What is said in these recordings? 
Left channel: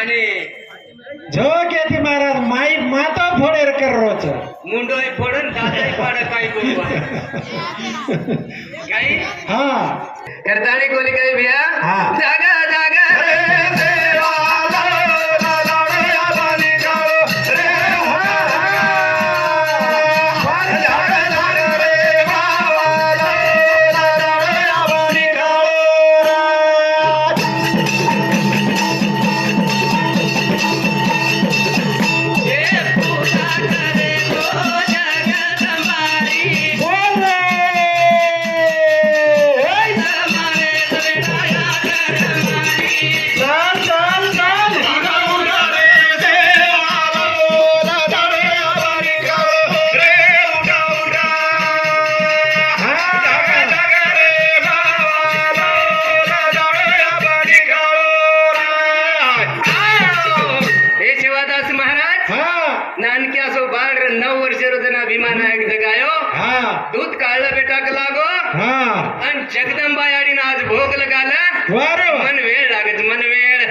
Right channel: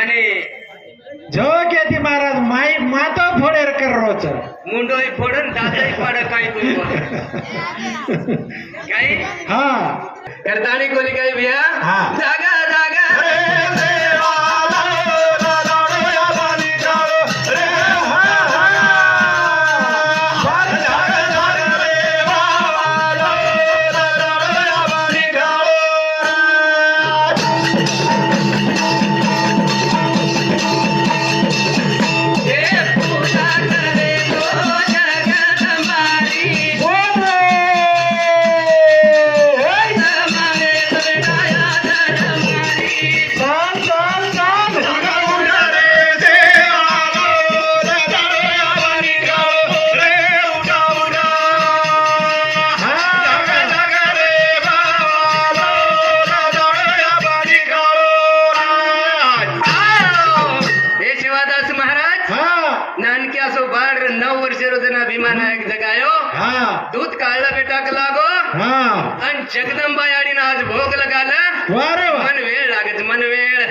आणि जो केती महाराज माई माता फोडेर कर रोच मुंडोई फोडून दादाई पाड काय काही हा करतानी कोणी काही भिया हा. जागा जागा नानक्या सो बाळ 9 वर्ष रोजना भीमा नायक जगायो दूध काढलं बेटाक लागो आणि जगदंबा याडीनं आज भोग लगाला मन वेळ लागत मन वेळ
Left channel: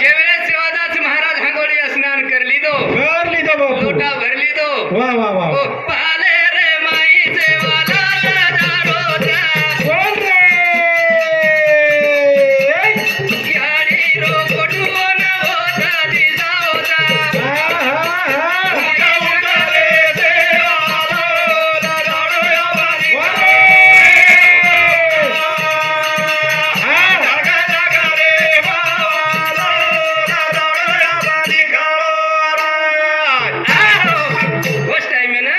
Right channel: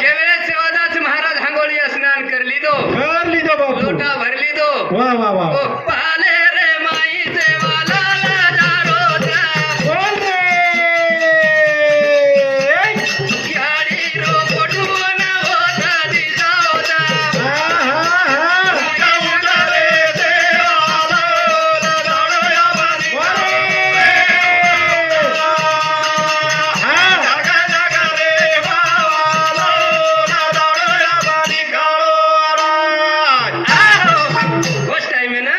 जे वेळेस सेवादास महाराज हांगोळी स्नान करली दो लोटा भरली दो वा वा वा ओ पाले रे माई सेवाला जारो जा याडी रो गोडून होता दिजावता उस टाइम में ना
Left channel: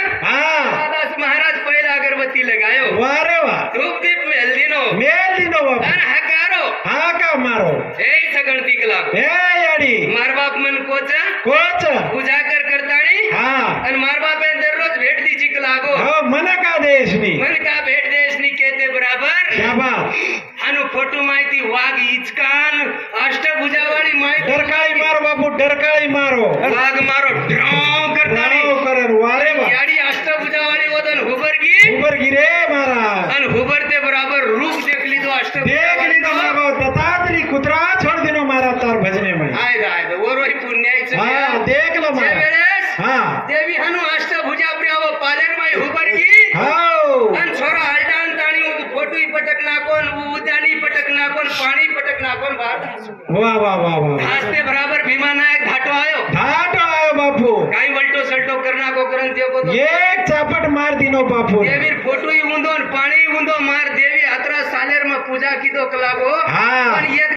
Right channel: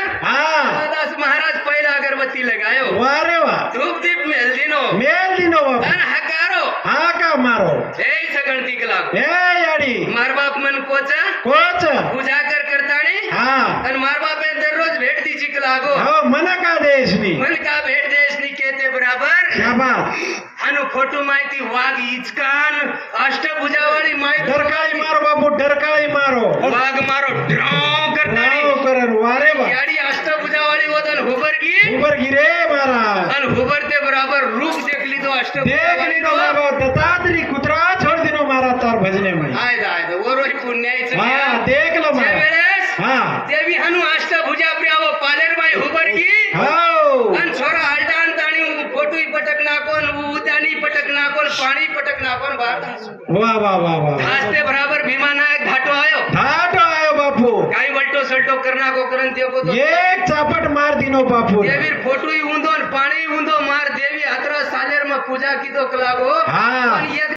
दास महाराज पहिला अगरबत्ती लगायो वारे वा धूप दीप मेल दिनो मेल दिनो बाबा अन हकारो हा का मारो ए सगणती कलाक ए याडी मार बाप मन कोचा कोच पूजा कर करताणी हा आणि मार बापे दररोज भेट दी चिक लागो हो मन का देशनी मन का भेट देशनी केते बराबर शाबास हानु फोटो माहिती वाघ इचकान अष्टभुजावाळी माहिती डरकाळी मारो बापू डरकाळी मारो वाघ मारो ड्राव करताणी नाव करर वारे वा याडी अष्टभुजावाळी वदन हुबरगी उबर गिरे महाराज आणि हुबरते बराबर रूप देखली तो देखली तो लागो दत्तात्री कुत्रा छोड़ दिनो मारा तार भजने में आय वरोही पुण्याईचं हा देखलं त्या महाराज वेळेस हा देवी हनु अष्टभुजा प्रियाव पालेरबाई हुबरगी हो आणि छोरा आलटान ताणी फोटोई पटक नाकोन उदानी पटक नाकोन पाणी पटक नाकोन बाहेर वा वा वा वा हासते बराबर भीमा नायक घाटो आयो धाट आयो बापू काही वल्टो सल्टो करना को करन ते को एक चापट मार दिनो बापू देवीर फोटोई उंदो पाणी उंदो मार देवी हतरा सालेर में पूजा की तो कलागो हा आणि